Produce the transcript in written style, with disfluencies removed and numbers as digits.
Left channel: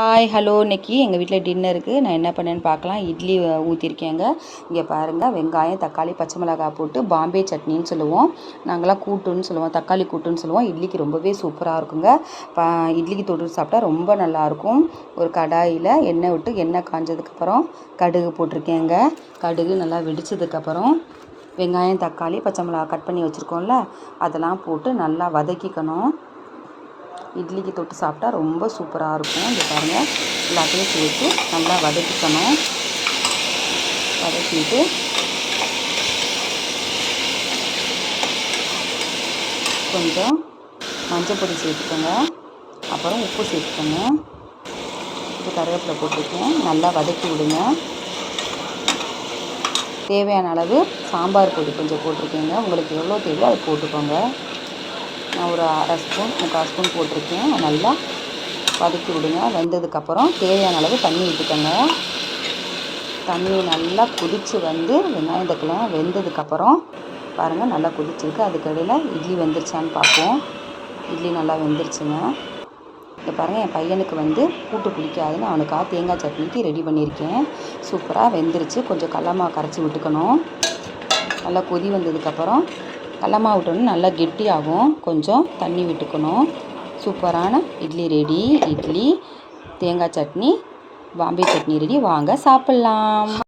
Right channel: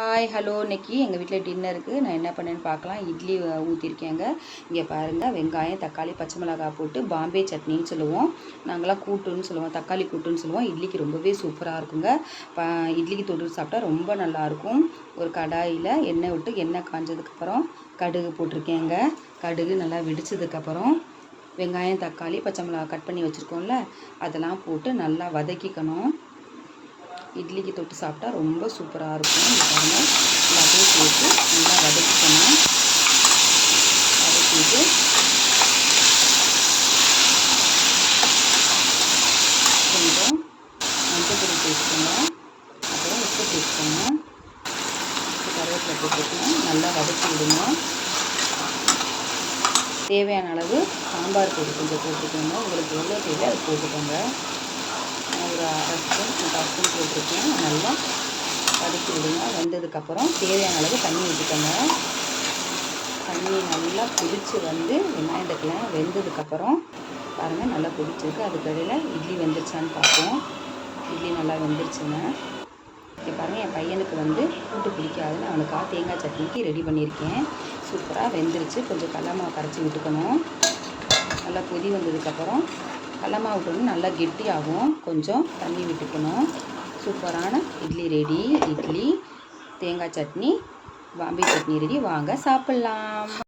Hi hello இன்றைக்கி எங்கள் வீட்டில் டின்னருக்கு நான் என்ன பண்ணேன்னு பார்க்கலாம். இட்லி ஊற்றிருக்கேங்க. இங்கே பாருங்கள், வெங்காயம் தக்காளி பச்சை மிளகாய் போட்டு பாம்பே சட்னின்னு சொல்லுவோம். நாங்களாம் கூட்டுன்னு சொல்லுவோம், தக்காளி கூட்டுன்னு சொல்லுவோம். இட்லிக்கு ரொம்பவே சூப்பராக இருக்குங்க. இட்லிக்கு தொட்டு சாப்பிட்டா ரொம்ப நல்லாயிருக்கும். ஒரு கடாயில் எண்ணெய் விட்டு எண்ணெய் காஞ்சதுக்கப்புறம் கடுகு போட்டிருக்கேங்க. கடுகு நல்லா வெடித்ததுக்கப்புறம் வெங்காயம் தக்காளி பச்சை மிளகாய் கட் பண்ணி வச்சுருக்கோம்ல, அதெல்லாம் போட்டு நல்லா வதக்கிக்கணும். இட்லிக்கு தொட்டு சாப்பிட்டா ரொம்ப சூப்பராக இருக்கும். இங்கே பாருங்கள், எல்லாத்தையும் சேர்த்து நல்லா வதக்கிக்கணும். வதக்கிட்டு கொஞ்சம் மஞ்சள் பொடி சேர்த்துக்கோங்க, அப்புறம் உப்பு சேர்த்துக்கோங்க, கருவேப்பிலை போட்டுருக்கேன். நல்லா வதக்கி விடுங்க. தேவையான அளவு சாம்பார் பொடி கொஞ்சம் போட்டிருக்கேங்க. உங்களுக்கு எவ்வளோ தேவையோ அதை போட்டுக்கோங்க. நான் ஒரு அரை ஸ்பூன் 3/4 ஸ்பூன் போட்டிருக்கேன். நல்லா வதக்கி விடுங்க. வெந்ததுக்கப்புறம் தேவையான அளவு தண்ணி ஊற்றிக்கோங்க. தண்ணி நல்லா கொதித்து வந்து வெங்காயம் தக்காளிலாம் வெந்ததுக்கப்புறம் பாருங்கள், நல்லா கொதிச்சிருக்கு. அதுக்கடையில் இட்லி வெந்துருச்சான்னு பார்ப்போம். இட்லி நல்லா வெந்துருச்சுங்க. இங்கே பாருங்கள், என் பையனுக்கு கூட்டு பிடிக்காதுன்னு அவனுக்காக தேங்காய் சட்னிக்கு ரெடி பண்ணியிருக்கேன். சூப்பராக வெந்துருச்சு. கொஞ்சம் கடலமாவு கரைச்சி விட்டுக்கணும். நல்லா கொதி வந்ததுக்கப்புறம் கடலமாவு விட்டோன்னு நல்லா கெட்டியாகும். கொஞ்சம் தண்ணி விட்டுக்கணும். சூப்பரான இட்லி ரெடி. இட்லி தேங்காய் சட்னி பாம்பே சட்னி ரெடி. வாங்க சாப்பிட்லாம்.